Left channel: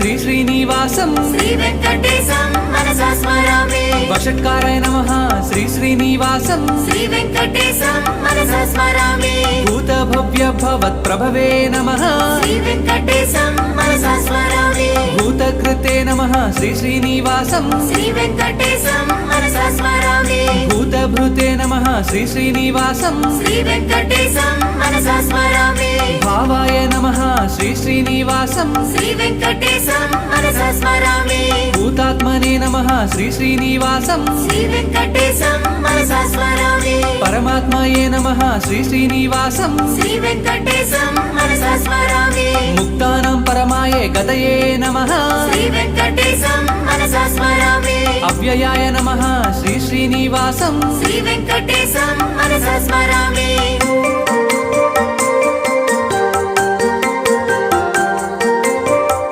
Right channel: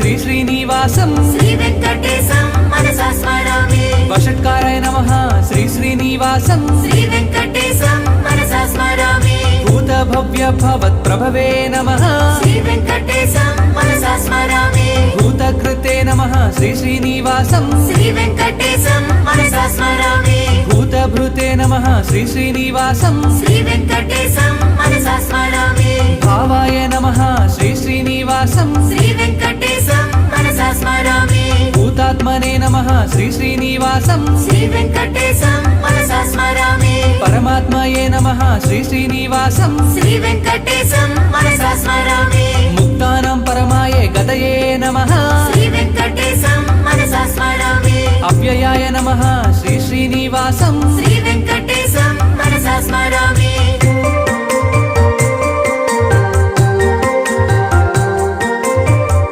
శ్రీ శ్రీనివాసం శ్రీవేంకటేశం మనసా స్మరామి వషట్కారాయ నమః శ్రీ శ్రీనివాసం శ్రీవేంకటేశం మనసా స్మరామి భూత భవ్య భవత్ ప్రభవే నమః శ్రీవేంకటేశం మనసా స్మరామి భూతకృతే నమః శ్రీ శ్రీనివాసం శ్రీవేంకటేశం మనసా స్మరామి భూతభృతే నమః శ్రీ శ్రీనివాసం శ్రీవేంకటేశం మనసా స్మరామి భావాయ నమః శ్రీ శ్రీనివాసం శ్రీవేంకటేశం మనసా స్మరామి భూతాత్మనే నమః శ్రీ శ్రీనివాసం శ్రీవేంకటేశం మనసా స్మరామి పరమాత్మయే నమః శ్రీ శ్రీనివాసం శ్రీవేంకటేశం మనసా స్మరామి ముక్తానాం పరమాయే గతయే నమః శ్రీవేంకటేశం మనసా స్మరామి అవ్యయాయ నమః శ్రీ శ్రీనివాసం శ్రీవేంకటేశం మనసా స్మరామి